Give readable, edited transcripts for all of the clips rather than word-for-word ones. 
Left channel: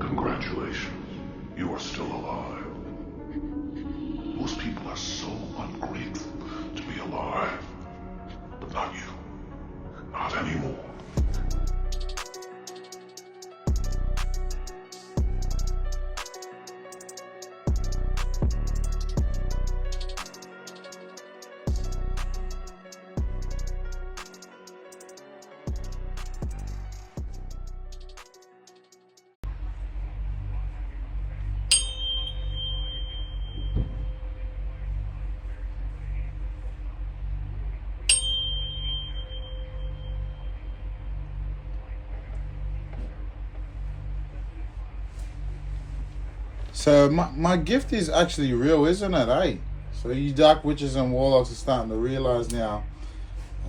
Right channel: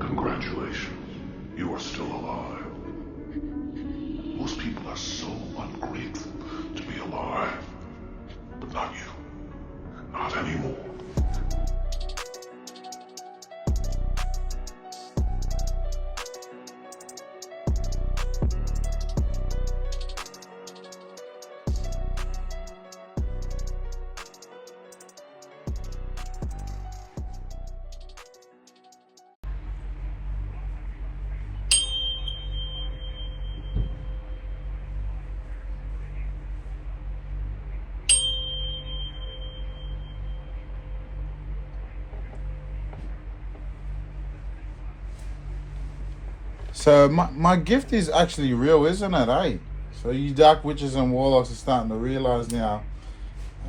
Congratulations, you are still alive. Most people are so ungrateful to be alive, but not you. Not anymore. So my gift is actually real, isn't it, eh? So you dark witches and warlocks are starting to realize now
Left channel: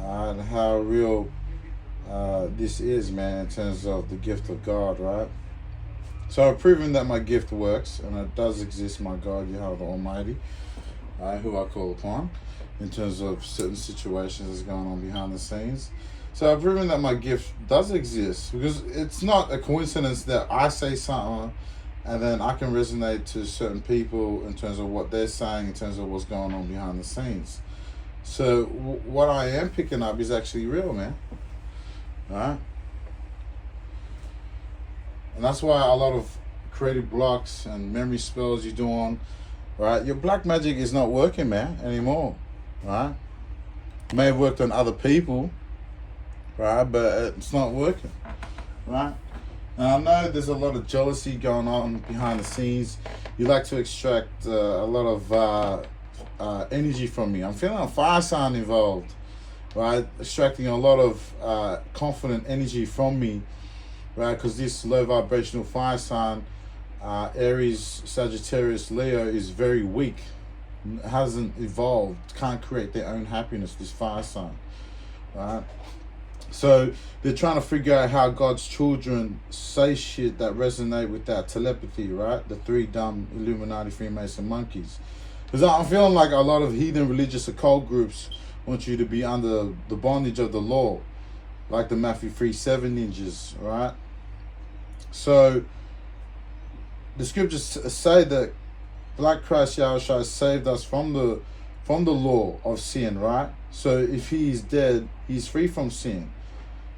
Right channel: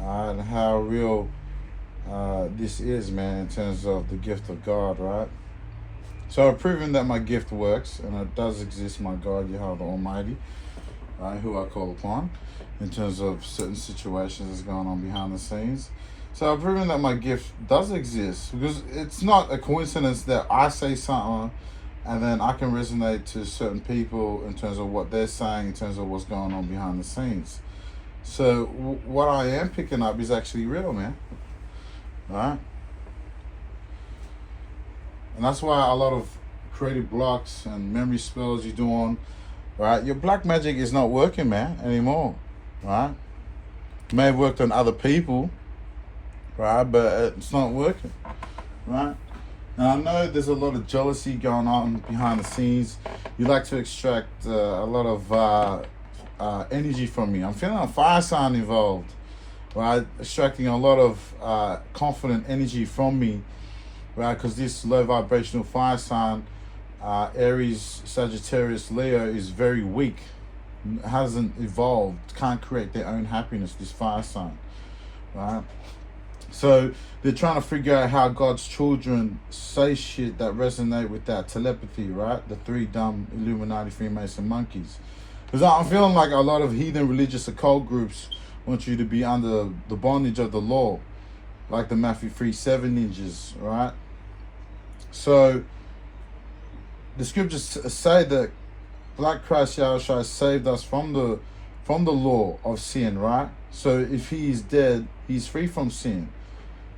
how real this is, man, in terms of the gift of God, right? So proving that my gift works, and it does exist, my God, Yahweh the Almighty, who I call upon, in terms of certain situations that's going on behind the scenes. So I've proven that my gift does exist, because it's not a coincidence that I say something and then I can resonate to certain people in terms of what they're saying, in terms of what's going on behind the scenes. So what I am picking up is actually real, man. Right? And that's why a lot of creative blocks and memory spells you're doing, right? Your black magic is not working, man, anymore, right? It may have worked on other people, right? But it's not working, right? Now, I know there's a lot of jealousy going on behind the scenes. You like to extract a lot of energy from me. I'm feeling a fire sign involved, right? Extracting a lot of confident energy from me, right? Because this low vibrational fire sign, Aries, Sagittarius, Leo, is very weak. Hasn't evolved, can't create their own happiness, this fire sign, right? So they're trying to figure out how God's children say shit that resonate with that telepathy, right? The three dumb Illuminati Freemason monkeys. Because I'm feeling like a lot of heathen religious occult groups want you to be under the bondage of the law, like the Matthew 3:7 ninjas, right? So the scriptures say that Black Christ Yahushua saved us from the law of sin, right? So if he is dead, he's free from sin.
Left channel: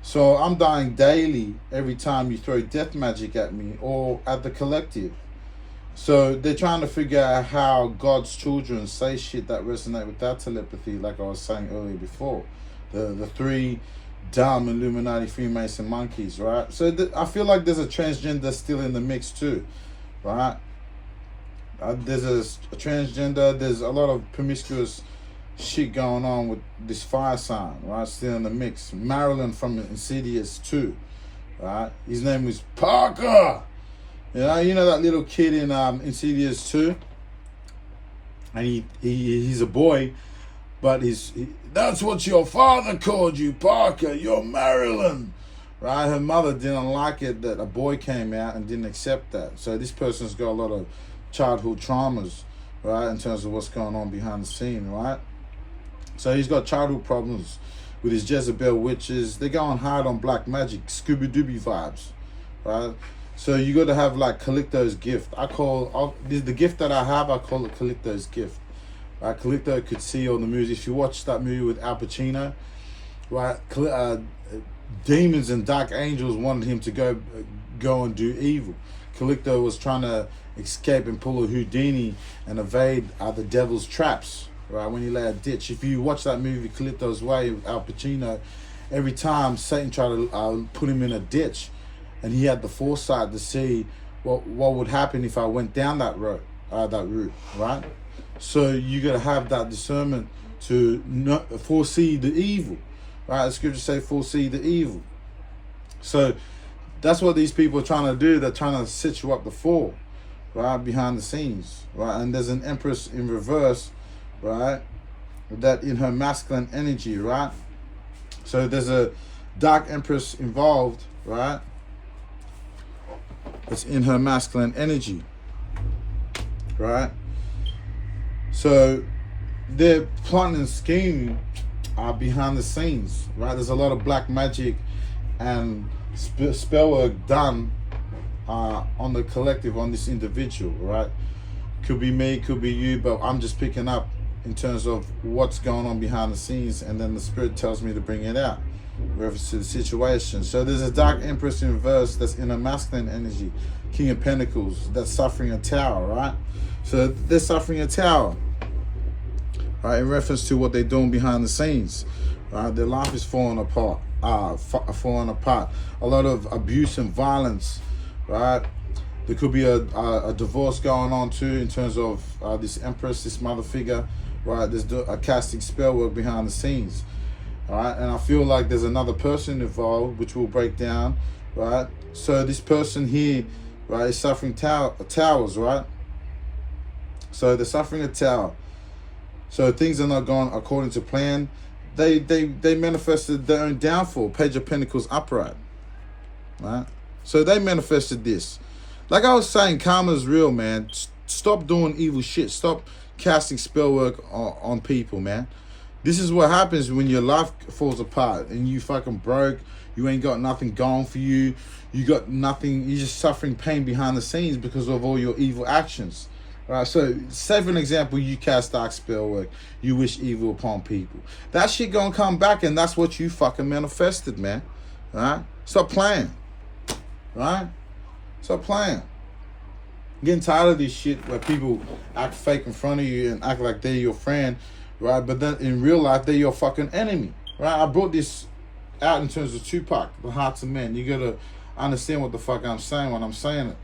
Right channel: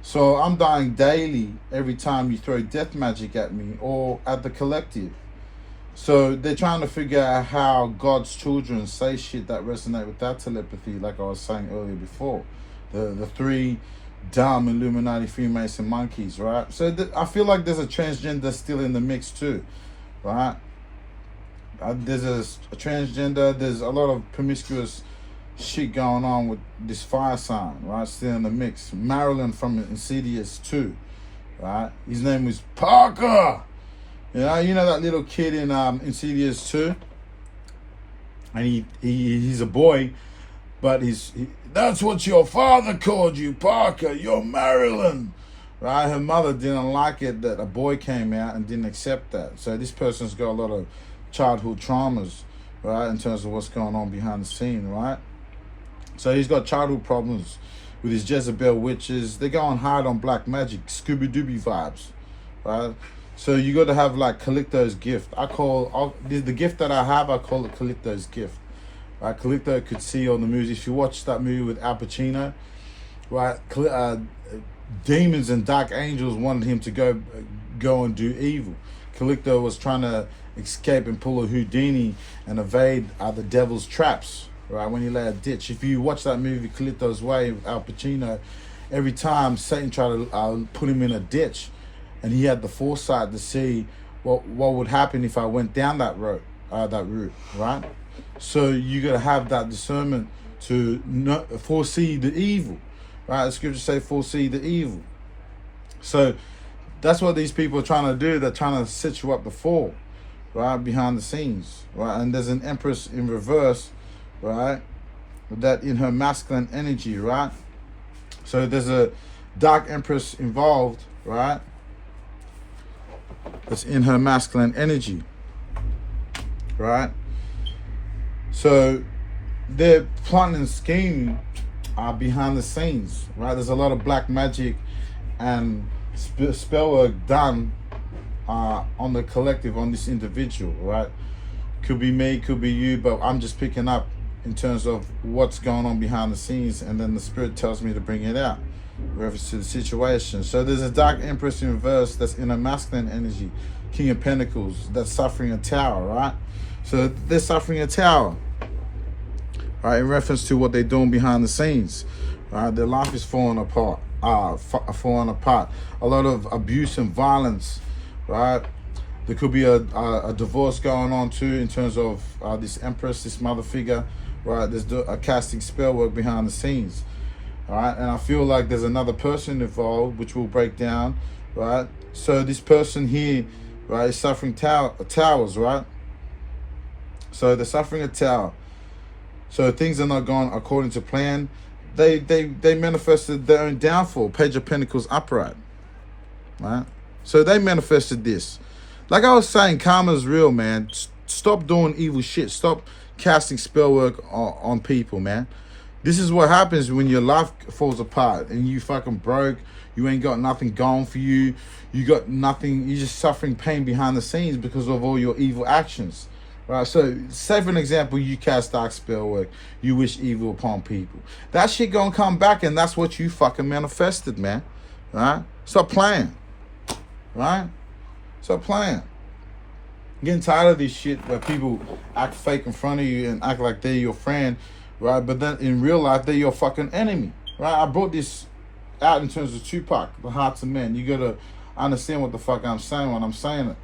So I'm dying daily every time you throw death magic at me or at the collective. So they're trying to figure out how God's children say shit that resonate with that telepathy, like I was saying earlier before. The three dumb Illuminati Freemason monkeys, right? So I feel like there's a transgender still in the mix too, right? There's a transgender, there's a lot of promiscuous shit going on with this fire sign, right? Still in the mix. Marilyn from Insidious 2, right? His name was Parker. You know that little kid in Insidious 2? And he's a boy, but that's what your father called you, Parker. You're Marilyn. Right? Her mother didn't like it that a boy came out and didn't accept that. So this person's got a lot of childhood traumas, right, in terms of what's going on behind the scene, right? So he's got childhood problems with his Jezebel witches. They're going hard on black magic, Scooby-Dooby vibes, right? So you got to have like Calicto's gift. The gift that I have, I call it Calicto's gift, right? Calicto could see all the movies. If you watch that movie with Al Pacino, right, demons and dark angels wanted him to go and do evil. Calicto was trying to escape and pull a Houdini and evade the devil's traps, right, when he lay a ditch. If you watch that movie Calicto's Way with Al Pacino, every time Satan tried to put him in a ditch, and he had the foresight to see what would happen if I went down that route, right? So you got to have that discernment to not foresee the evil, right? The scriptures say foresee the evil. So that's what these people are trying to do. They're trying to set you up to fall, right, behind the scenes, right? And there's an empress in reverse, right, that in her masculine energy, right? So there's a dark empress involved, right, that's in her masculine energy, right? So they're plotting and scheming behind the scenes, right? There's a lot of black magic and spell work done on the collective, on this individual, right? Could be me, could be you, but I'm just picking up in terms of what's going on behind the scenes, and then the spirit tells me to bring it out, reference to the situation. So there's a dark empress in reverse that's in a masculine energy, King of Pentacles, that's suffering a tower, right? So they're suffering a tower, right, in reference to what they're doing behind the scenes, right? Their life is falling apart, falling apart. A lot of abuse and violence, right? There could be a divorce going on too, in terms of this empress, this mother figure, right? There's a casting spell work behind the scenes, all right? And I feel like there's another person involved, which will break down, right? So this person here, right, is suffering towers, right? So they're suffering a tower. So things are not going according to plan. They manifested their own downfall. Page of Pentacles upright, right? So they manifested this. Like I was saying, karma is real, man. Stop doing evil shit. Stop casting spell work on people, man. This is what happens when your life falls apart and you fucking broke. You ain't got nothing going for you. You got nothing. You're just suffering pain behind the scenes because of all your evil actions. Right, so say for an example, you cast dark spell work, you wish evil upon people. That shit gonna come back, and that's what you fucking manifested, man. Right? Stop playing. Right? Stop playing. I'm getting tired of this shit where people act fake in front of you and act like they're your friend, right? But then in real life, they're your fucking enemy, right? I brought this out in terms of Tupac, the hearts of men. You gotta understand what the fuck I'm saying when I'm saying it.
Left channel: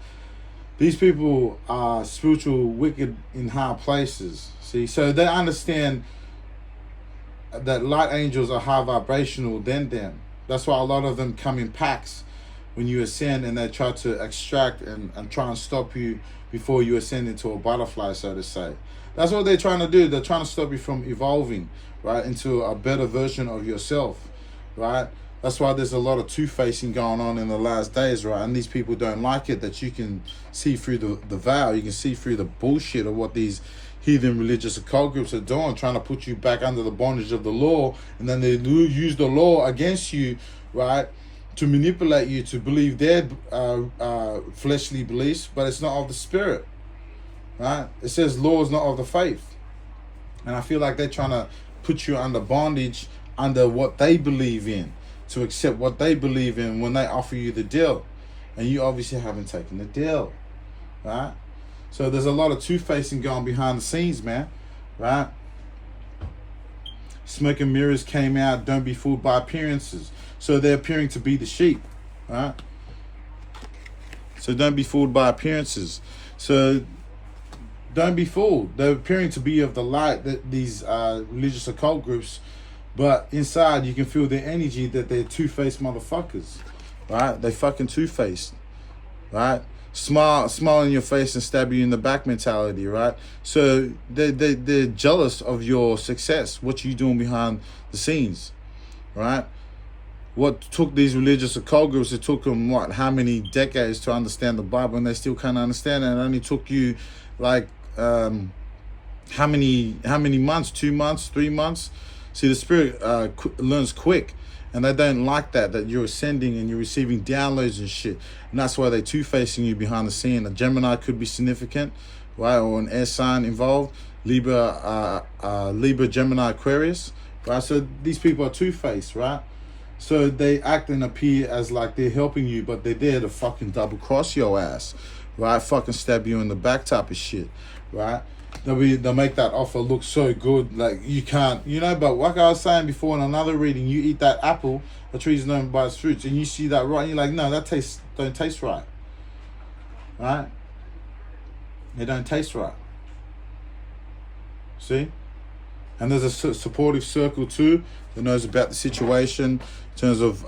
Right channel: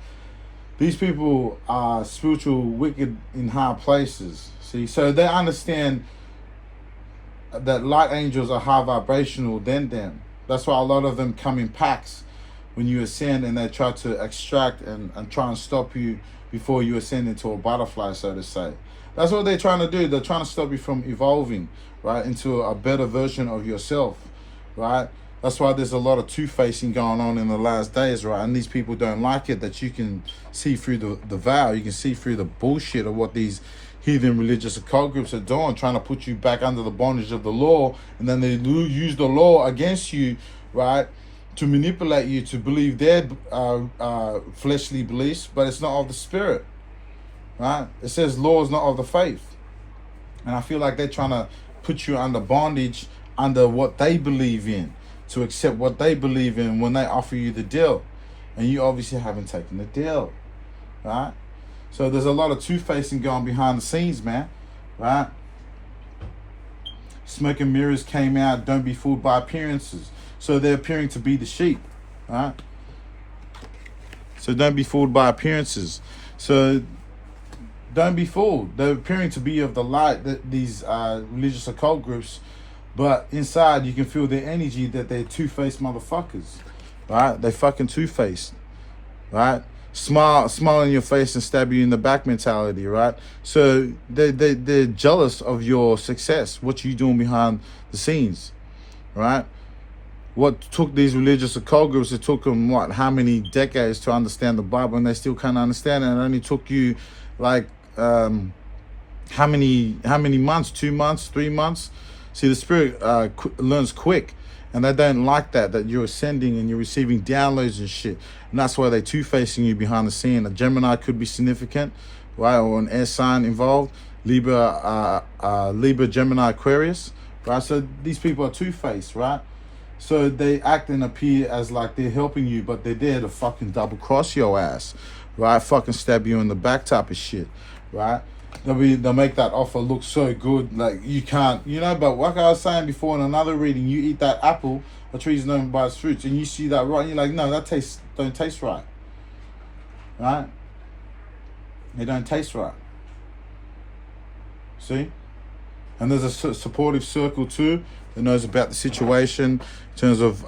These people are spiritual wicked in high places. See, so they understand that light angels are high vibrational than them. That's why a lot of them come in packs when you ascend, and they try to extract and try and stop you before you ascend into a butterfly, so to say. That's what they're trying to do. They're trying to stop you from evolving, right, into a better version of yourself, right? That's why there's a lot of two-facing going on in the last days, right? And these people don't like it, that you can see through the veil. You can see through the bullshit of what these heathen religious occult groups are doing, trying to put you back under the bondage of the law. And then they use the law against you, right, to manipulate you to believe their fleshly beliefs, but it's not of the spirit, right? It says law is not of the faith. And I feel like they're trying to put you under bondage, under what they believe in, to accept what they believe in when they offer you the deal. And you obviously haven't taken the deal, right? So there's a lot of two-facing going behind the scenes, man, right? Smoke and mirrors came out. Don't be fooled by appearances. So they're appearing to be the sheep, right? So don't be fooled by appearances. So don't be fooled. They're appearing to be of the light, that these religious occult groups, but inside you can feel their energy, that they're two-faced motherfuckers, right? They fucking two-faced, right? Smile in your face and stab you in the back mentality, right? So they're jealous of your success, what you doing behind the scenes, right? What took these religious occult groups, it took them, what, how many decades to understand the Bible, and they still can't understand it. And it only took you, like, how many months? 2 months, 3 months? See, the spirit learns quick, and they don't like that you're ascending and you're receiving downloads and shit. And that's why they're two-facing you behind the scene. A Gemini could be significant, right? Or an air sign involved. Libra, Gemini, Aquarius, right? So these people are two-faced, right? So they act and appear as like they're helping you, but they're there to fucking double-cross your ass, right? Fucking stab you in the back type of shit, right? They'll make that offer look so good, like you can't, you know. But like I was saying before in another reading, you eat that apple, a tree's known by its fruits, and you see that right, and you're like, no, that don't taste right, right? They don't taste right. See? And there's a supportive circle too that knows about the situation in terms of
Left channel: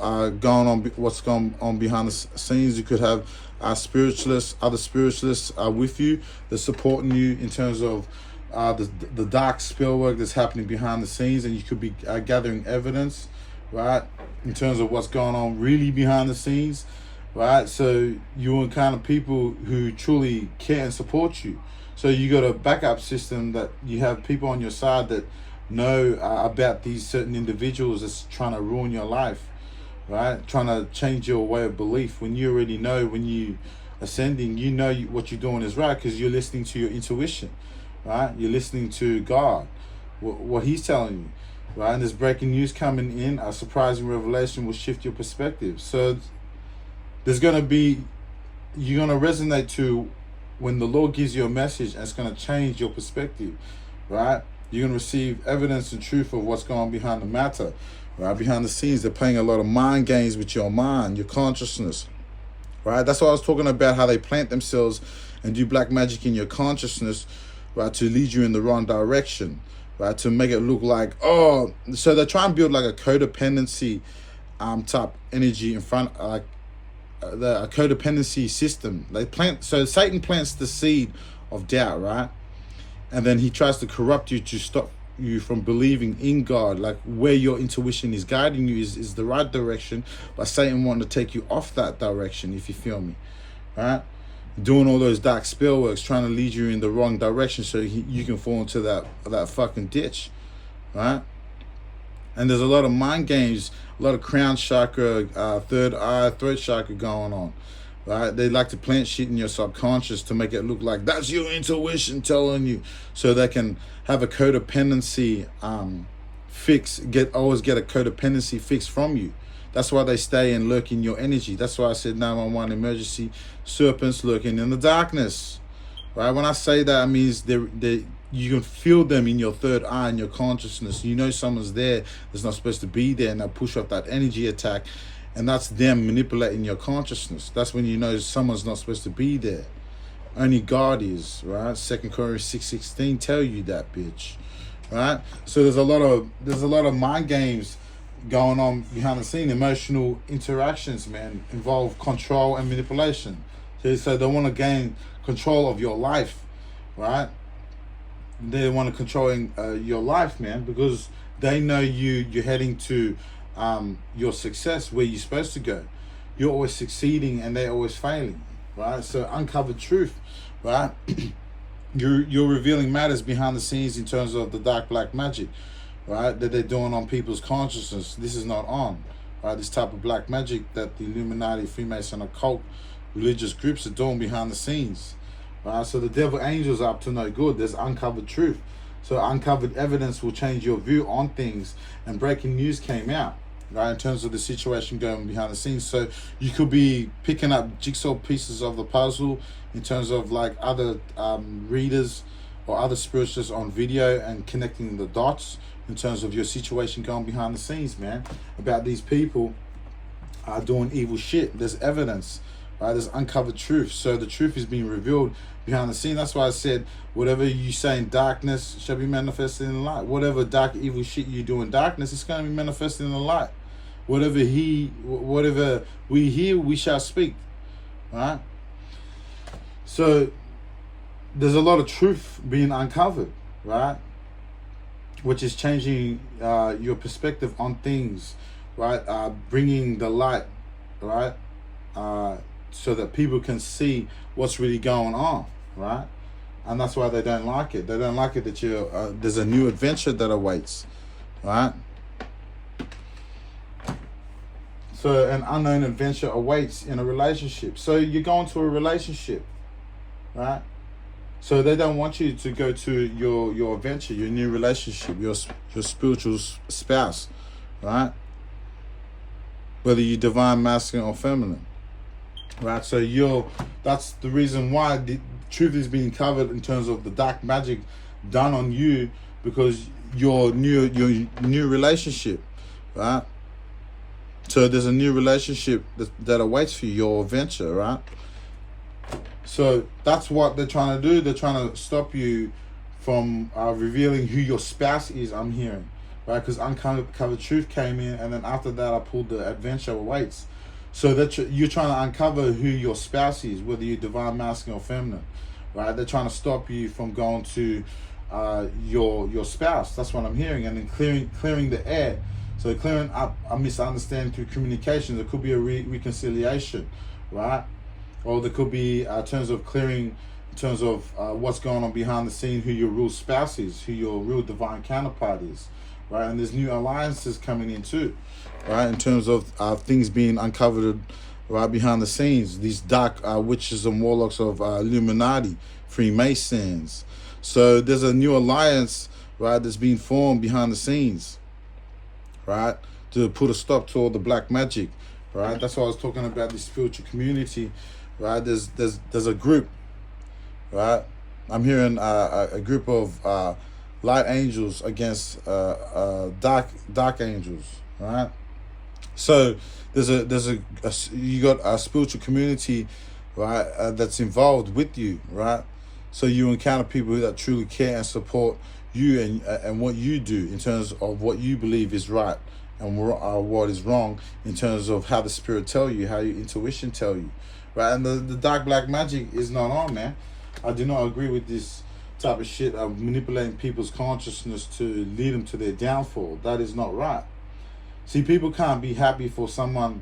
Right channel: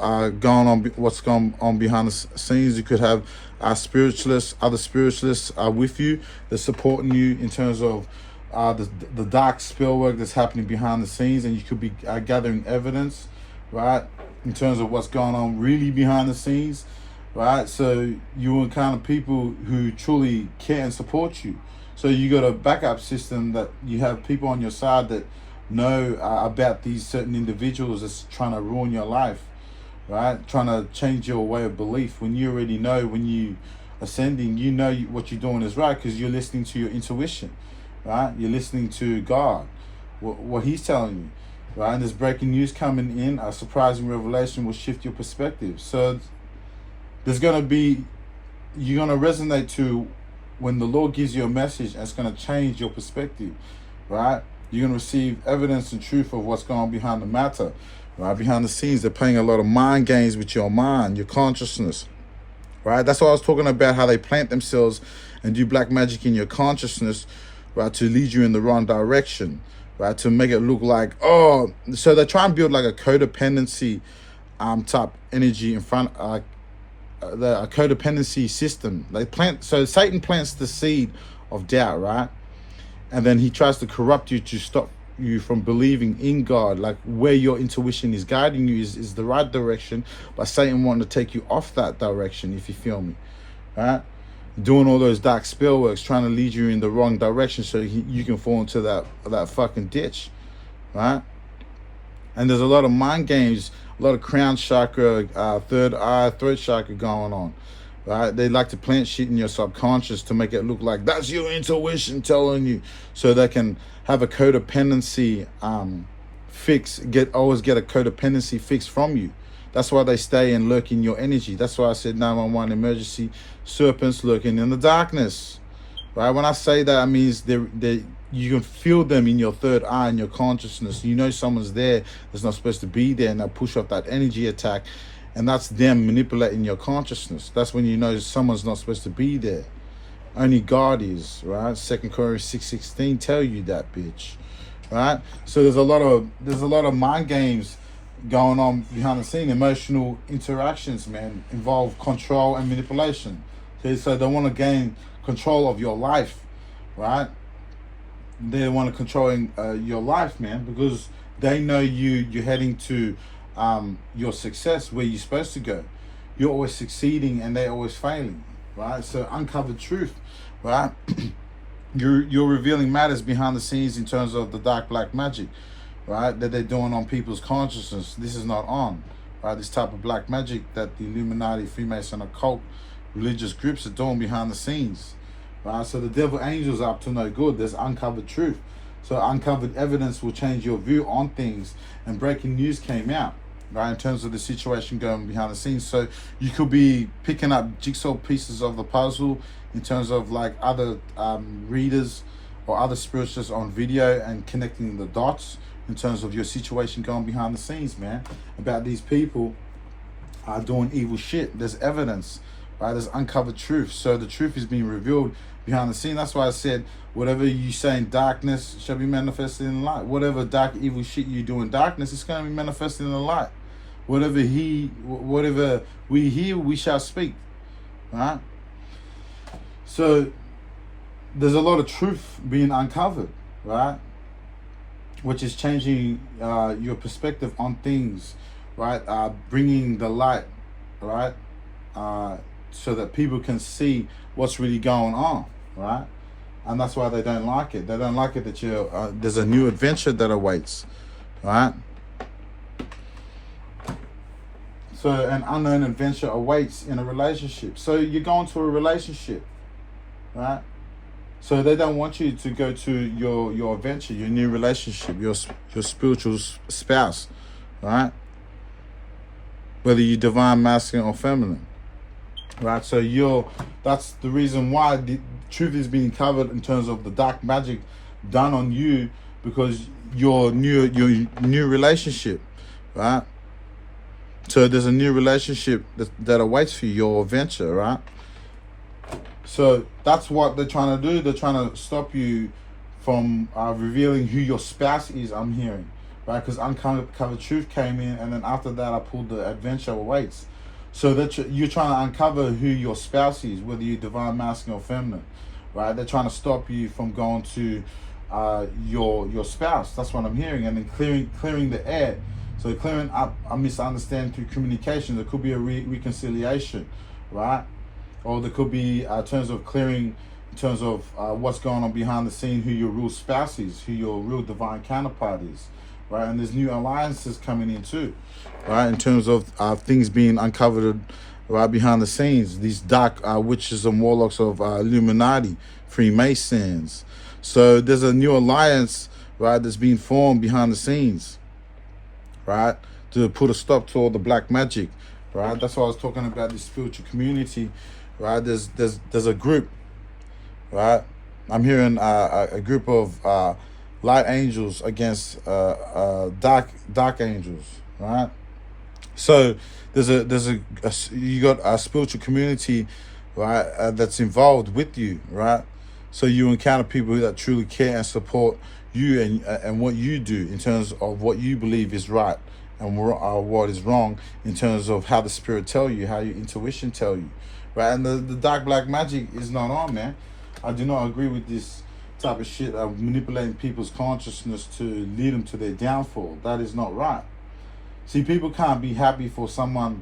what's going on behind the scenes. You could have other spiritualists are with you. They're supporting you in terms of the dark spell work that's happening behind the scenes, and you could be gathering evidence, right, in terms of what's going on really behind the scenes, right? So you're the kind of people who truly care and support you. So you got a backup system, that you have people on your side that know about these certain individuals that's trying to ruin your life, right? Trying to change your way of belief, when you already know, when you ascending, you know what you're doing is right because you're listening to your intuition, right? You're listening to God, what He's telling you, right? And there's breaking news coming in. A surprising revelation will shift your perspective. So there's going to be, you're going to resonate to when the Lord gives you a message, and it's going to change your perspective, right? You're going to receive evidence and truth of what's going on behind the matter, right? Behind the scenes, they're playing a lot of mind games with your mind, your consciousness, right? That's what I was talking about, how they plant themselves and do black magic in your consciousness, right, to lead you in the wrong direction, right, to make it look like, oh, so they try and build like a codependency type energy in front, a codependency system. They plant, so Satan plants the seed of doubt, right? And then he tries to corrupt you to stop you from believing in God, like where your intuition is guiding you is the right direction, but Satan wanting to take you off that direction, if you feel me, right? Doing all those dark spell works, trying to lead you in the wrong direction so you can fall into that fucking ditch, right? And there's a lot of mind games, a lot of crown chakra, third eye, throat chakra going on, right? They like to plant shit in your subconscious to make it look like that's your intuition telling you, so they can have a codependency fix, always get a codependency fix from you. That's why they stay and lurk in your energy. That's why I said 911 emergency, serpents lurking in the darkness, right? When I say that, it means you can feel them in your third eye, in your consciousness. You know someone's there that's not supposed to be there, and they push off that energy attack, and that's them manipulating your consciousness. That's when you know someone's not supposed to be there. Only God is, right? 2 Corinthians 6:16 tell you that, bitch, right? So there's a lot of mind games going on behind the scene. Emotional interactions, man, involve control and manipulation. Okay, so they want to gain control of your life, right? They want to control your life, man, because they know you're heading to your success, where you're supposed to go. You're always succeeding and they're always failing, right? So uncovered truth, right? You're revealing matters behind the scenes in terms of the dark black magic, right, that they're doing on people's consciousness. This is not on, right? This type of black magic that the Illuminati, Freemason, occult religious groups are doing behind the scenes, right? So the devil angels are up to no good. There's uncovered truth. So uncovered evidence will change your view on things. And breaking news came out, right, in terms of the situation going behind the scenes. So you could be picking up jigsaw pieces of the puzzle in terms of like other readers or other spiritualists on video, and connecting the dots in terms of your situation going behind the scenes, man, about these people are doing evil shit. There's evidence, right? There's uncovered truth. So the truth is being revealed behind the scene. That's why I said, whatever you say in darkness shall be manifested in the light. Whatever dark, evil shit you do in darkness, it's going to be manifested in the light. Whatever we hear, we shall speak, right? So there's a lot of truth being uncovered, right? Which is changing your perspective on things, right? Bringing the light, right? So that people can see what's really going on, right? And that's why they don't like it. They don't like it that there's a new adventure that awaits, right? So an unknown adventure awaits in a relationship. So you're going to a relationship, right? So they don't want you to go to your adventure, your new relationship, your spiritual spouse, right? Whether you're divine, masculine, or feminine, right? So that's the reason why the truth is being covered in terms of the dark magic done on you, because your new relationship, right? So there's a new relationship that awaits for you, your adventure, right? So that's what they're trying to do. They're trying to stop you from revealing who your spouse is, I'm hearing, right? Because uncovered truth came in, and then after that I pulled the adventure awaits. So that you're trying to uncover who your spouse is, whether you're divine, masculine, or feminine, right? They're trying to stop you from going to your spouse. That's what I'm hearing. And then clearing the air. So clearing up a misunderstanding through communication. There could be a reconciliation, right? Or there could be terms of clearing, in terms of what's going on behind the scene, who your real spouse is, who your real divine counterpart is, right? And there's new alliances coming in too, right? In terms of things being uncovered right behind the scenes. These dark witches and warlocks of Illuminati, Freemasons. So there's a new alliance, right, that's being formed behind the scenes, right, to put a stop to all the black magic, right. That's why I was talking about the spiritual community, right. There's a group, right. I'm hearing a group of light angels against dark angels, right. So you got a spiritual community, right, that's involved with you, right. So you encounter people that truly care and support you and what you do in terms of what you believe is right and what is wrong in terms of how the spirit tell you, how your intuition tell you, right. And the dark black magic is not on, man. I do not agree with this type of shit of manipulating people's consciousness to lead them to their downfall. That is not right. See, people can't be happy for someone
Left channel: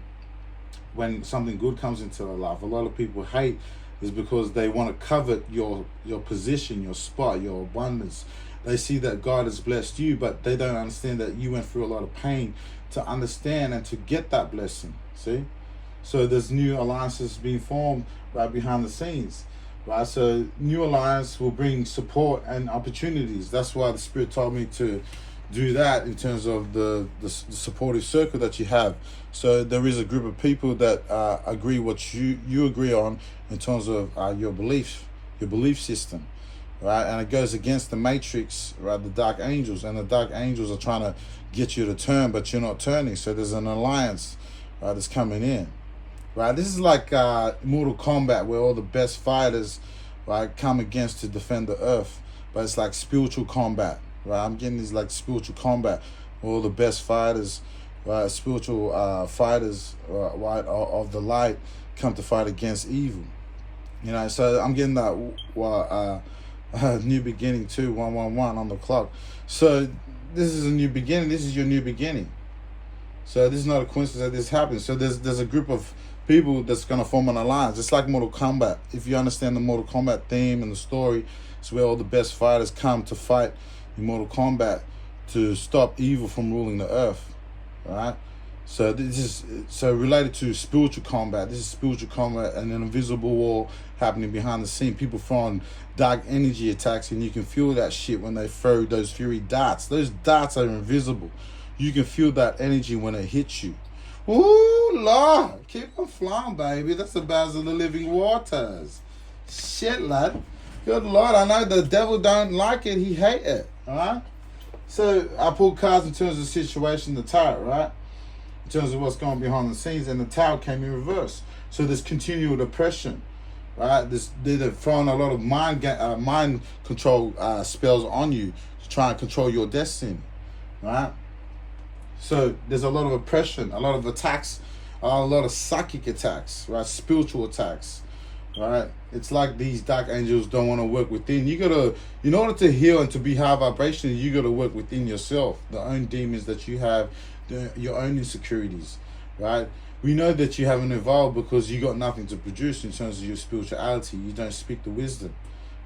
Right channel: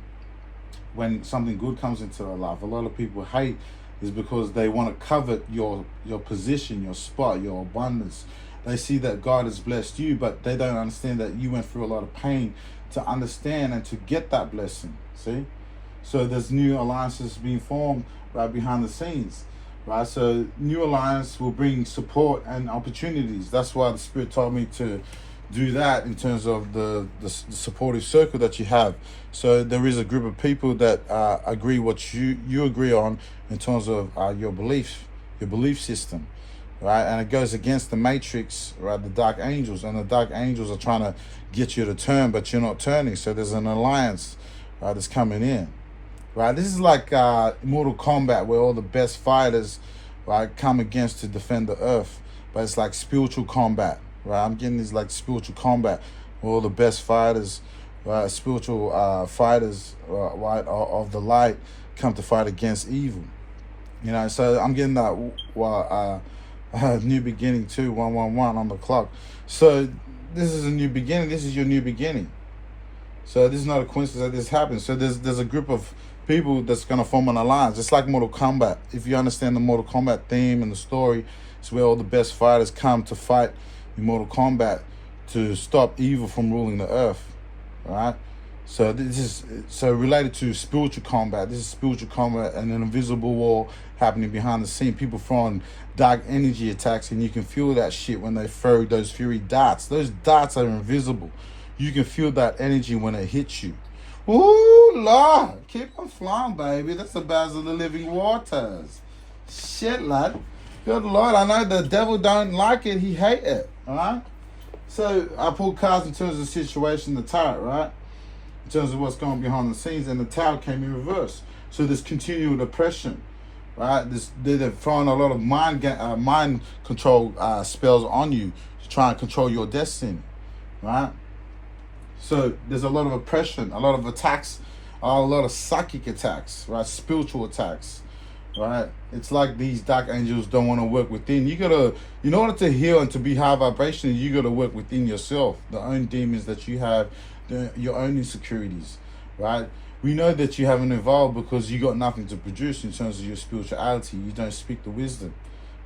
when something good comes into their life. A lot of people hate is because they want to covet your position, your spot, your abundance. They see that God has blessed you, but they don't understand that you went through a lot of pain to understand and to get that blessing. See? So there's new alliances being formed right behind the scenes. Right? So new alliance will bring support and opportunities. That's why the Spirit told me to do that in terms of the supportive circle that you have. So there is a group of people that agree what you agree on in terms of your belief system, right? And it goes against the matrix, right? The dark angels, and the dark angels are trying to get you to turn, but you're not turning. So there's an alliance, right, that's coming in, right? This is like Mortal Kombat, where all the best fighters, right, come against to defend the earth. But it's like spiritual combat, right? I'm getting this like spiritual combat, where all the best fighters, right, spiritual fighters, right, of the light come to fight against evil. You know, so I'm getting that new beginning too, 111 on the clock. So this is a new beginning. This is your new beginning. So this is not a coincidence that this happens. So there's a group of people that's going to form an alliance. It's like Mortal Kombat. If you understand the Mortal Kombat theme and the story, it's where all the best fighters come to fight in Mortal Kombat to stop evil from ruling the earth, right? So this is related to spiritual combat. This is spiritual combat and an invisible war happening behind the scene. People throwing dark energy attacks, and you can feel that shit when they throw those fury darts. Those darts are invisible. You can feel that energy when it hits you. Ooh, Lord, keep on flying, baby. That's the bars of the living waters. Shit, lad. Good Lord, I know the devil don't like it. He hate it, all right? So I pulled cards in terms of the situation, the tarot, right? In terms of what's going on behind the scenes, and the tarot came in reverse. So there's continual oppression, right? They're throwing a lot of mind control spells on you to try and control your destiny, right? So there's a lot of oppression, a lot of attacks, a lot of psychic attacks, right? Spiritual attacks, right? It's like these dark angels don't want to work within. You gotta, in order to heal and to be high vibrational, you gotta work within yourself, the own demons that you have, your own insecurities, right? We know that you haven't evolved because you got nothing to produce in terms of your spirituality. You don't speak the wisdom,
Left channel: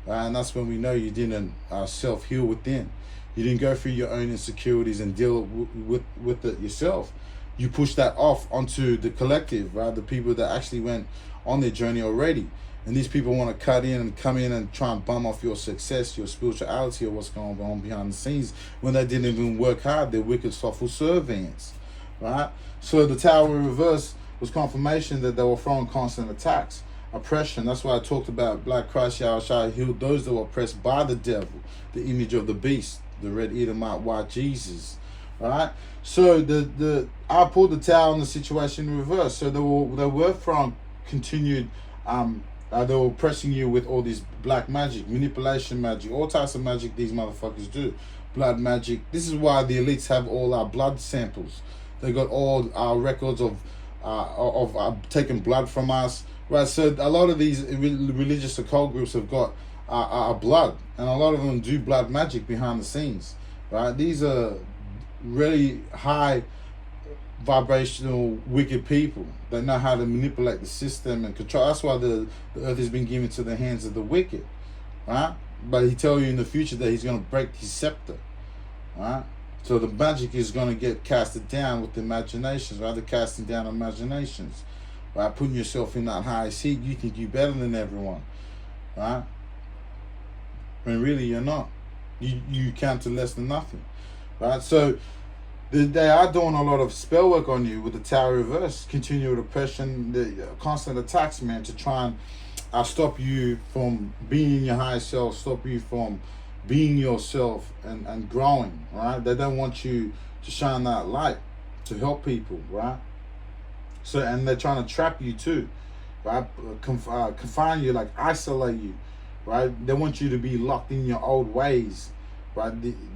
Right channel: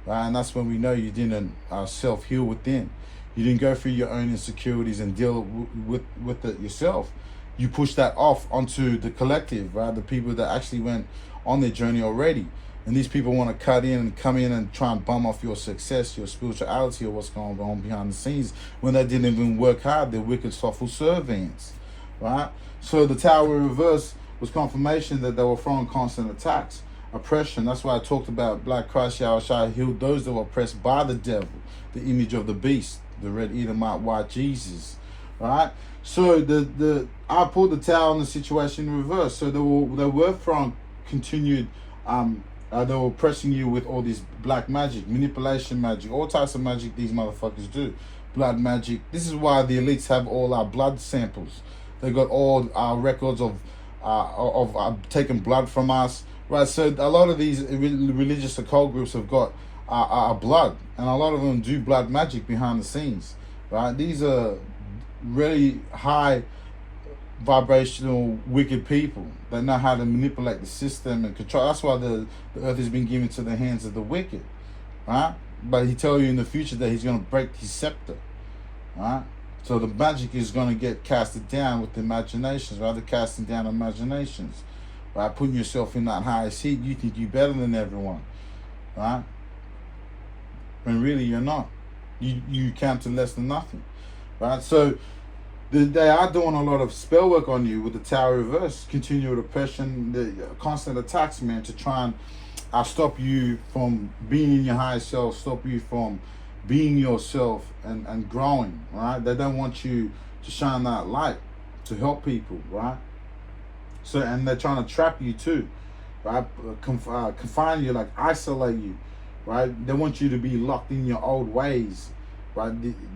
right? And that's when we know you didn't self-heal within. You didn't go through your own insecurities and deal with it yourself. You push that off onto the collective, right? The people that actually went on their journey already. And these people want to cut in and come in and try and bum off your success, your spirituality, or what's going on behind the scenes when they didn't even work hard. They're wicked, slothful servants, right? So the Tower in reverse was confirmation that they were throwing constant attacks, oppression. That's why I talked about Black Christ Yahushua healed those that were oppressed by the devil, the image of the beast, the red Edomite, white Jesus, right? So I pulled the Tower in the situation in reverse. So they were throwing continued they were oppressing you with all this black magic, manipulation magic, all types of magic these motherfuckers do. Blood magic. This is why the elites have all our blood samples. They got all our records of taking blood from us, right? So a lot of these religious occult groups have got our blood, and a lot of them do blood magic behind the scenes, right? These are really high vibrational wicked people that know how to manipulate the system and control. That's why the earth has been given to the hands of the wicked, right? But he tell you in the future that he's going to break his scepter, right? So the magic is going to get casted down with the imaginations, right? The casting down imaginations, right? Putting yourself in that high seat, you think you're better than everyone, right? And really you're not. You count to less than nothing, right? So they are doing a lot of spell work on you with the Tower reverse, continual oppression, the constant attacks, man, to try and stop you from being in your higher self, stop you from being yourself and growing, right? They don't want you to shine that light to help people, right? So, and they're trying to trap you too, right? Confine you, like isolate you, right? They want you to be locked in your old ways, right?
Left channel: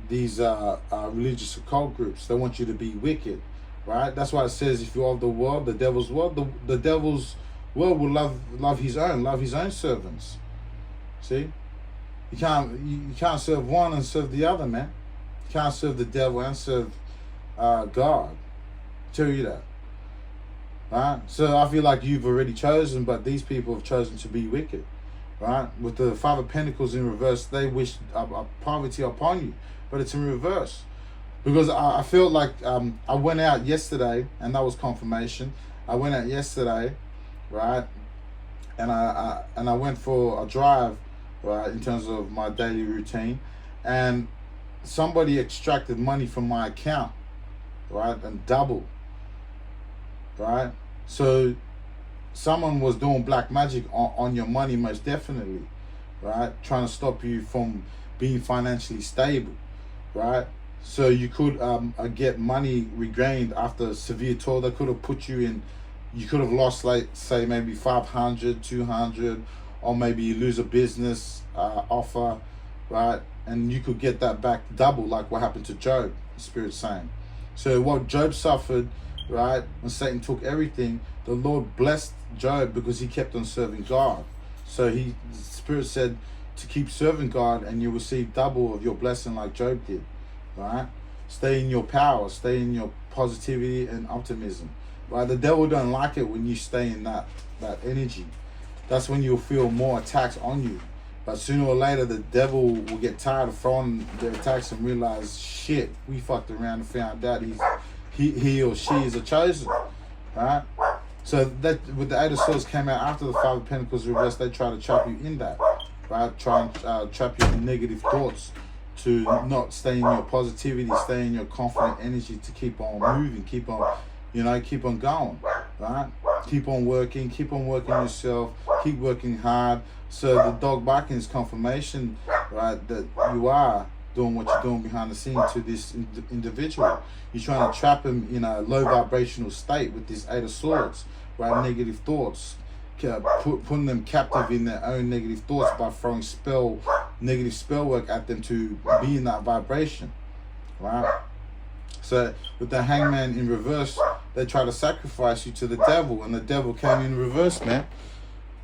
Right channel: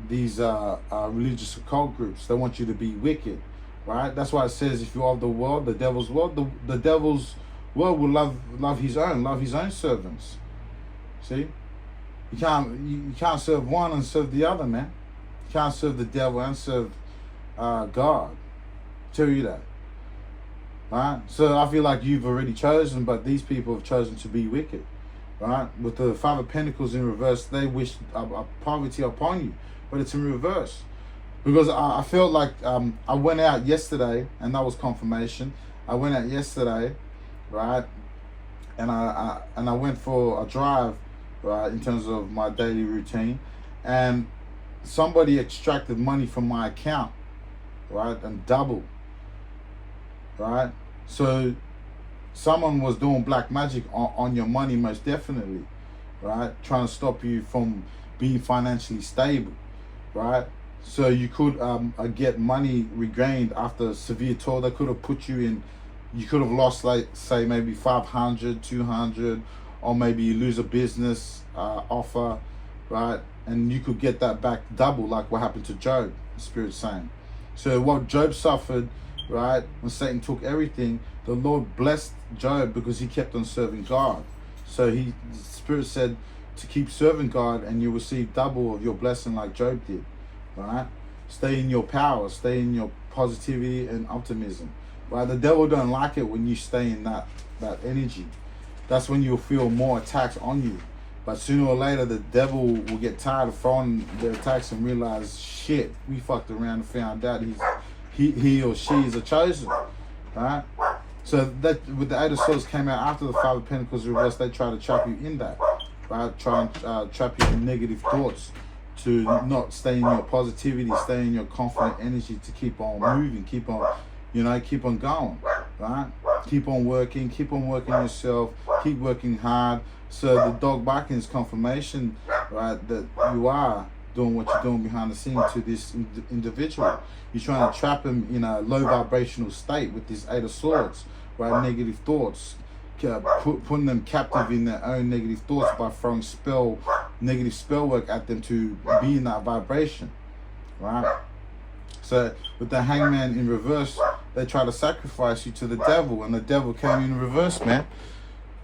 These religious occult groups, they want you to be wicked, right? That's why it says, if you're of the world, the devil's world, the devil's world will love his own servants. See, you can't serve one and serve the other, man. You can't serve the devil and serve God. Tell you that. Right? So I feel like you've already chosen, but these people have chosen to be wicked. Right? With the Five of Pentacles in reverse, they wish poverty upon you, but it's in reverse. Because I felt like I went out yesterday, and that was confirmation. I went out yesterday, right? And I went for a drive, right, in terms of my daily routine, and somebody extracted money from my account, right, and double, right? So someone was doing black magic on your money, most definitely, right? Trying to stop you from being financially stable, right? So you could get money regained after severe toil. They could have put you in, you could have lost, like, say, maybe 500, 200, or maybe you lose a business offer, right? And you could get that back double, like what happened to Job, the Spirit's saying. So what Job suffered, right, when Satan took everything, the Lord blessed Job because he kept on serving God. So the Spirit said to keep serving God and you receive double of your blessing like Job did, right? Stay in your power, stay in your positivity and optimism, right? The devil don't like it when you stay in that energy. That's when you'll feel more attacks on you. But sooner or later, the devil will get tired of throwing the attacks and realize, shit, we fucked around and found out he or she is a chosen, right? So that with the Eight of Swords came out after the Five of Pentacles reversed, they try to trap you in that, right? Try and trap you in negative thoughts, to not stay in your positivity, stay in your confident energy, to keep on moving, keep on going, right? Keep on working yourself, keep working hard. So the dog barking is confirmation, right, that you are doing what you're doing behind the scenes to this individual. You're trying to trap him in a low vibrational state with this Eight of Swords, right? Negative thoughts, putting them captive in their own negative thoughts by throwing negative spell work at them to be in that vibration, right? So with the Hangman in reverse, they try to sacrifice you to the devil, and the devil came in reverse, man.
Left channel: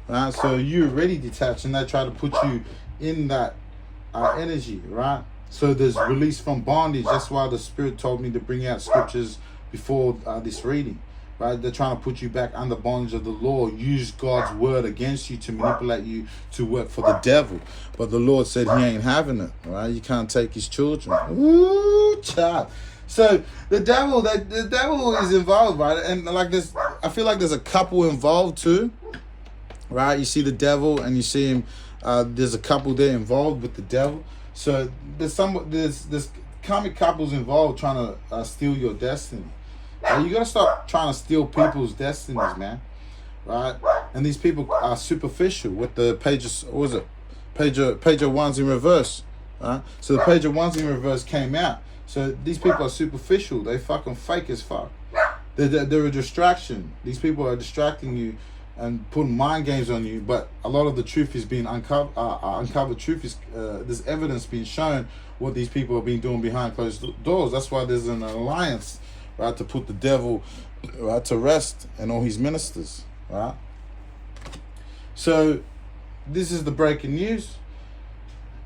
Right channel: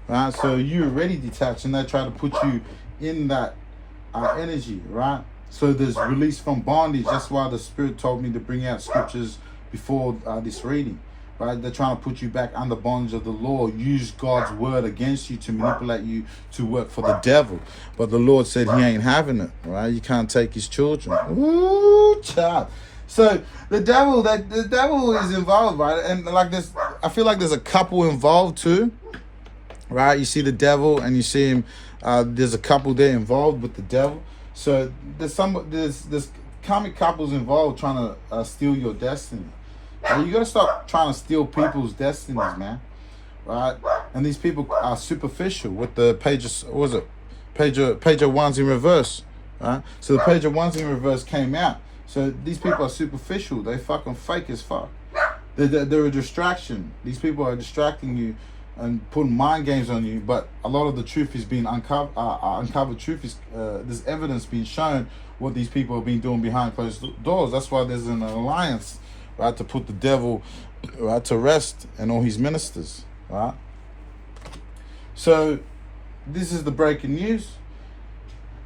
Right? So you're already detached, and they try to put you in that energy, right? So there's release from bondage. That's why the Spirit told me to bring out scriptures before this reading, right? They're trying to put you back under bondage of the law, use God's word against you to manipulate you to work for the devil. But the Lord said he ain't having it, right? You can't take his children. Ooh, child. So the devil is involved, right? And like this, I feel like there's a couple involved too, right? You see the devil and you see him. There's a couple there involved with the devil. So there's karmic couples involved trying to steal your destiny. And you gotta stop trying to steal people's destinies, man. Right? And these people are superficial with the Page of Wands in reverse. Right? So the Page of Wands in reverse came out. So these people are superficial. They fucking fake as fuck. They're a distraction. These people are distracting you and putting mind games on you. But a lot of the truth is being uncovered. Truth is there's evidence being shown what these people have been doing behind closed doors. That's why there's an alliance, right, to put the devil, right, to rest and all his ministers, right? So this is the breaking news.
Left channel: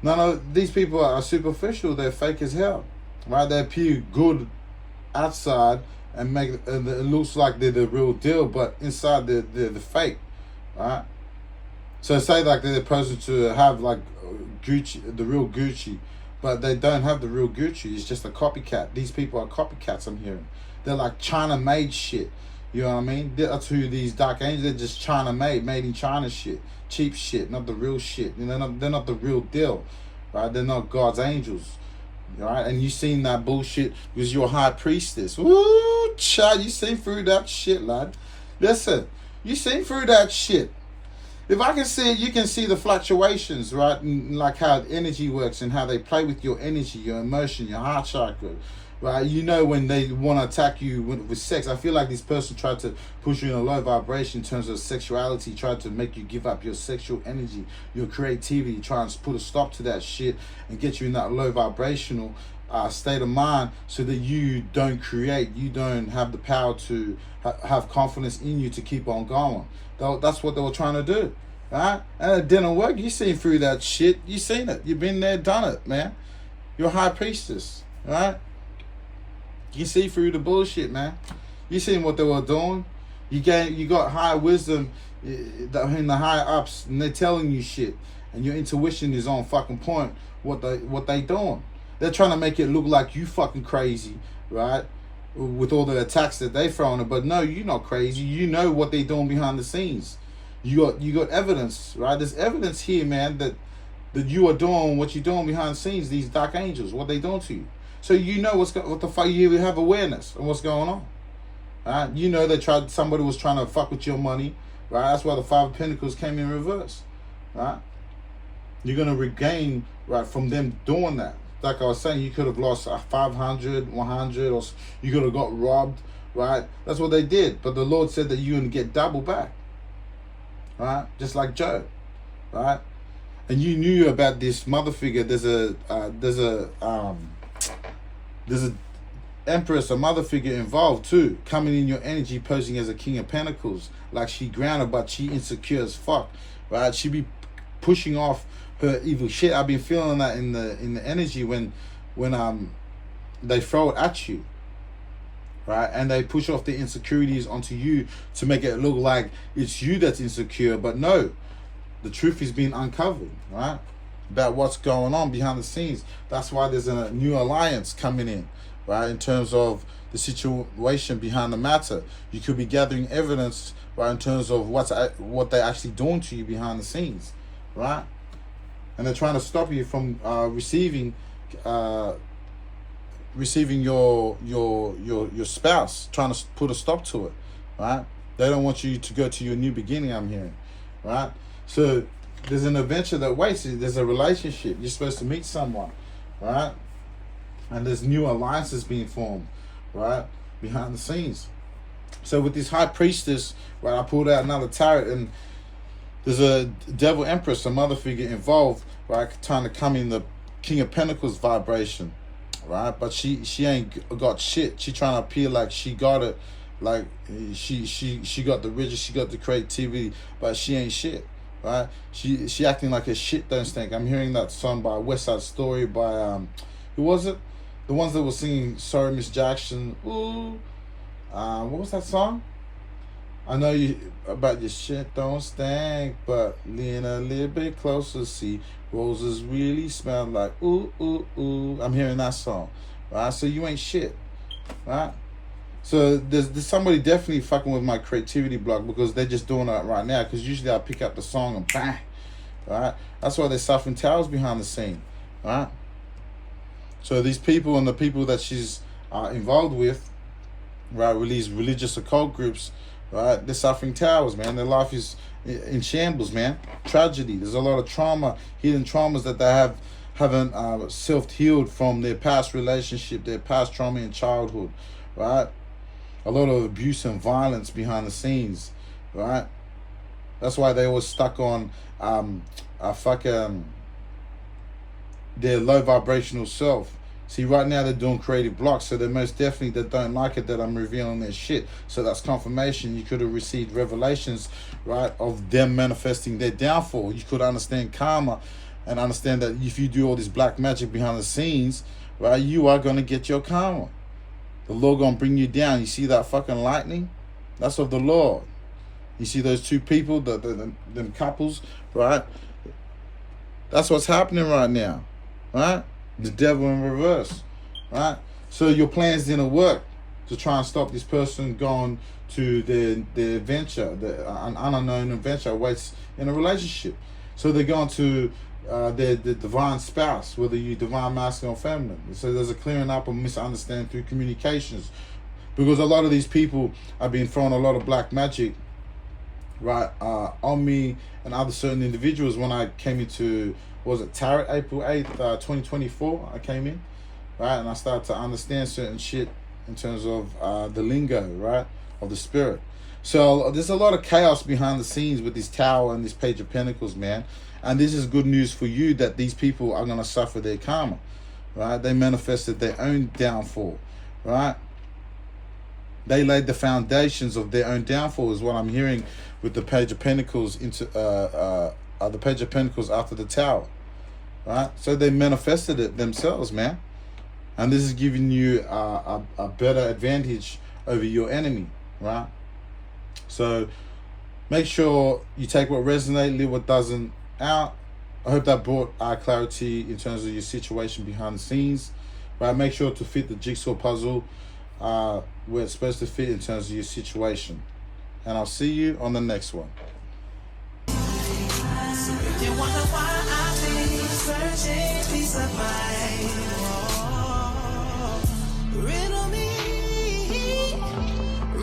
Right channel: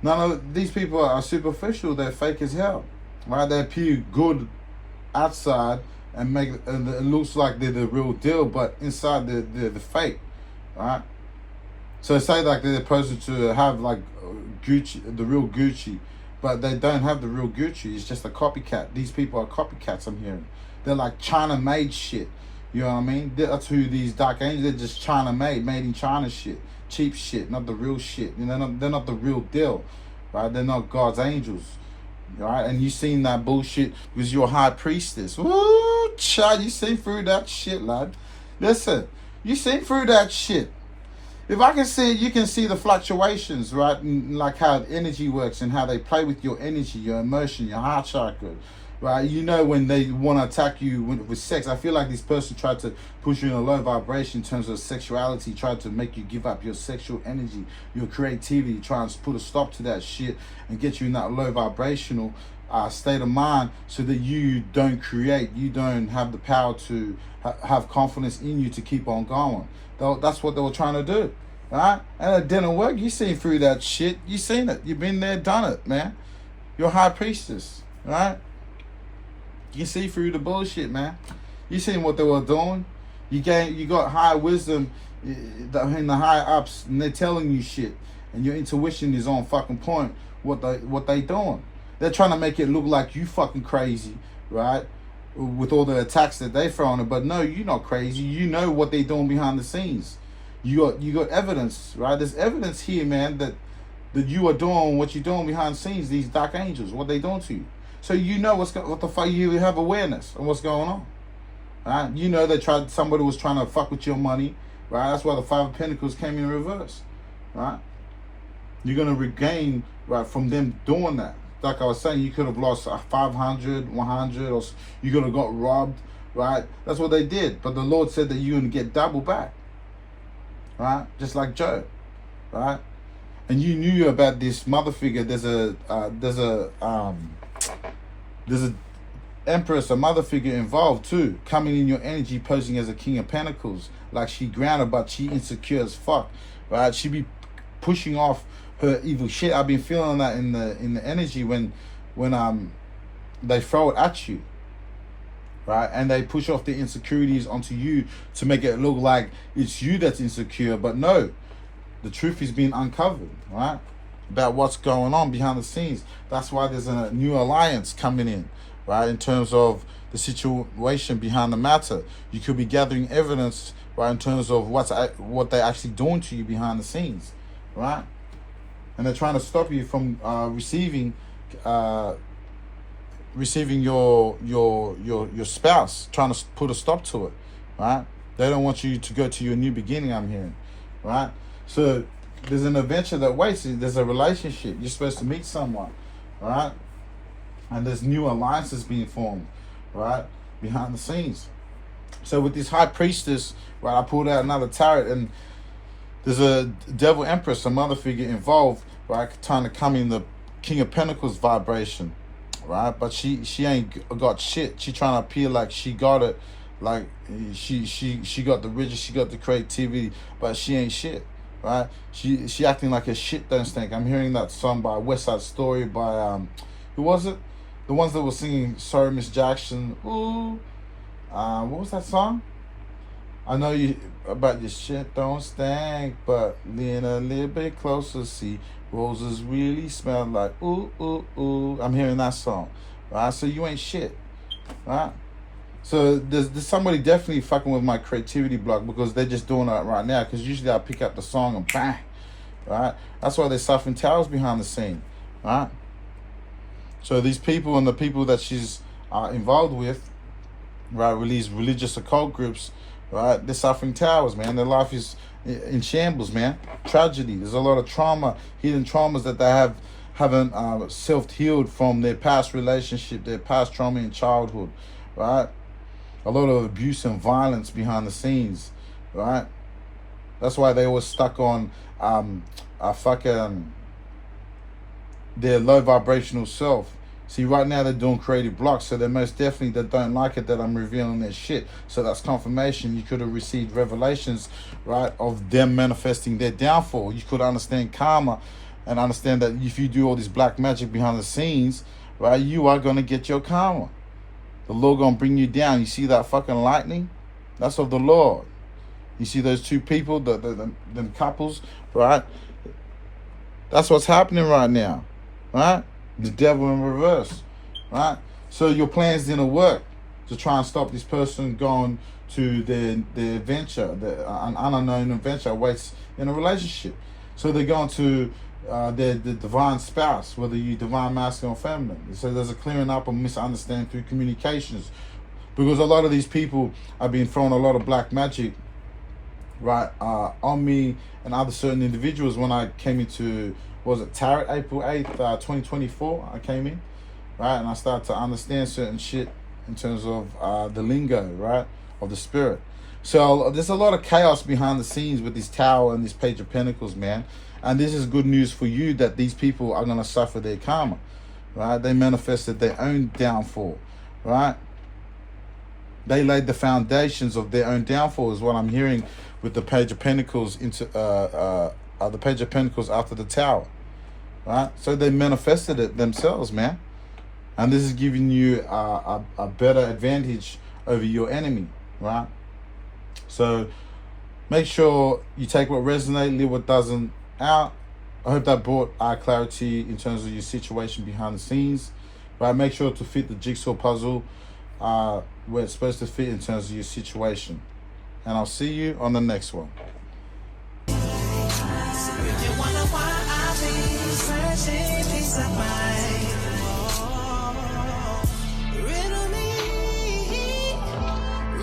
None of these people are superficial. They're fake as hell. Right, they appear good outside and make it looks like they're the real deal, but inside they're the fake, right? So say like they're supposed to have like Gucci, the real Gucci, but they don't have the real Gucci. It's just a copycat. These people are copycats. I'm hearing they're like China-made shit. You know what I mean? That's who these dark angels, they're just China made in China shit. Cheap shit, not the real shit. You know, they're not the real deal, right? They're not God's angels, right? And you seen that bullshit because you're a high priestess. Woo, child, you seen through that shit, lad. Listen, you seen through that shit. If I can see, you can see the fluctuations, right? And like how energy works and how they play with your energy, your emotion, your heart chakra, right? You know when they want to attack you with sex. I feel like this person tried to push you in a low vibration in terms of sexuality, tried to make you give up your sexual energy, your creativity, trying to put a stop to that shit and get you in that low vibrational state of mind so that you don't create, you don't have the power to have confidence in you to keep on going. That's what they were trying to do, right? And it didn't work. You seen through that shit. You seen it. You've been there, done it, man. You're high priestess, right? You see through the bullshit, man. You seen what they were doing. You got high wisdom in the high ups, and they're telling you shit, and your intuition is on fucking point. What they doing? They're trying to make it look like you fucking crazy, right? With all the attacks that they throw on it, but no, you're not crazy. You know what they're doing behind the scenes. You got evidence, right? There's evidence here, man, that you are doing what you're doing behind the scenes. These dark angels, what they doing to you. So you know what the fuck. You have awareness of what's going on, right? You know somebody was trying to fuck with your money, right? That's why the Five of Pentacles came in reverse, right? You're gonna regain, right, from them doing that. Like I was saying, you could have lost 500, 100, or you could have got robbed, right? That's what they did. But the Lord said that you're going to get double back, right? Just like Job, right? And you knew about this mother figure. There's a empress, a mother figure involved too, coming in your energy, posing as a King of Pentacles. Like she grounded, but she insecure as fuck, right? She be pushing off her evil shit. I've been feeling that in the energy when they throw it at you, right? And they push off the insecurities onto you to make it look like it's you that's insecure. But no, the truth is being uncovered, right? About what's going on behind the scenes. That's why there's a new alliance coming in, right? In terms of the situation behind the matter, you could be gathering evidence, right? In terms of what they're actually doing to you behind the scenes, right? And they're trying to stop you from receiving your spouse, trying to put a stop to it, right? They don't want you to go to your new beginning, I'm hearing, right? So there's an adventure that waits. There's a relationship. You're supposed to meet someone, right? And there's new alliances being formed, right? Behind the scenes. So with this high priestess, right, I pulled out another tarot, and there's a devil empress, a mother figure involved, right, trying to come in the King of Pentacles vibration, right? But she ain't got shit. She trying to appear like she got it, like she got the riches, she got the creativity, but she ain't shit, right? She acting like a shit don't stink. I'm hearing that song by West Side Story by who was it? The ones that were singing Sorry Miss Jackson. Ooh, what was that song? I know you about your shit don't stink, but lean a little bit closer, see roses really smell like ooh, ooh, ooh. I'm hearing that song, right? So you ain't shit, right? So there's somebody definitely fucking with my creativity block because they're just doing that right now. Because usually I pick up the song and bang, right? That's why they're suffering towers behind the scene, right? So these people and the people that she's involved with, right, these religious occult groups, right, they're suffering towers, man. Their life is in shambles, man. Tragedy. There's a lot of trauma, hidden traumas that they haven't self-healed from their past relationship, their past trauma in childhood, right? A lot of abuse and violence behind the scenes, right? That's why they were stuck on their low vibrational self. See, right now they're doing creative blocks, so they most definitely they don't like it that I'm revealing their shit. So that's confirmation. You could have received revelations, right, of them manifesting their downfall. You could understand karma and understand that if you do all this black magic behind the scenes, right, you are going to get your karma. The Lord going to bring you down. You see that fucking lightning? That's of the Lord. You see those two people, them couples, right? That's what's happening right now, right? The devil in reverse, right? So your plans didn't work to try and stop this person going to their adventure, an unknown adventure awaits in a relationship. So they're going to their divine spouse, whether you divine masculine or feminine. So there's a clearing up of misunderstanding through communications, because a lot of these people have been throwing a lot of black magic, right, on me and other certain individuals. When I came into, was it Tarot, April 8th, 2024, I came in, right, and I started to understand certain shit in terms of the lingo, right, of the spirit. So there's a lot of chaos behind the scenes with this Tower and this Page of Pentacles, man. And this is good news for you, that these people are going to suffer their karma, right? They manifested their own downfall, right? They laid the foundations of their own downfall, is what I'm hearing with the Page of Pentacles into the Page of Pentacles after the Tower, right? So they manifested it themselves, man. And this is giving you a better advantage over your enemy, right? So make sure you take what resonates, leave what doesn't out. I hope that brought clarity in terms of your situation behind the scenes, right? Make sure to fit the jigsaw puzzle where it's supposed to fit in terms of your situation. And I'll see you on the next one. You wonder why I've been searching peace of mind. Riddle me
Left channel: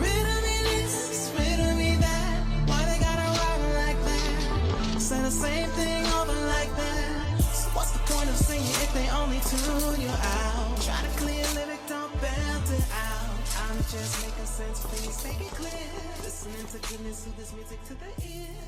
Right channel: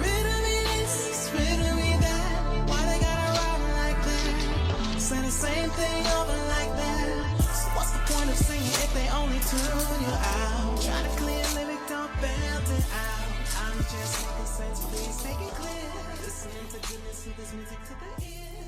this, riddle me that. Why they gotta ride like that? Say the same thing over like that. So what's the point of singing if they only tune you out? Try to clear lyric, don't belt it out. I'm just making sense, please make it clear. Listening to goodness, to this music to the ear.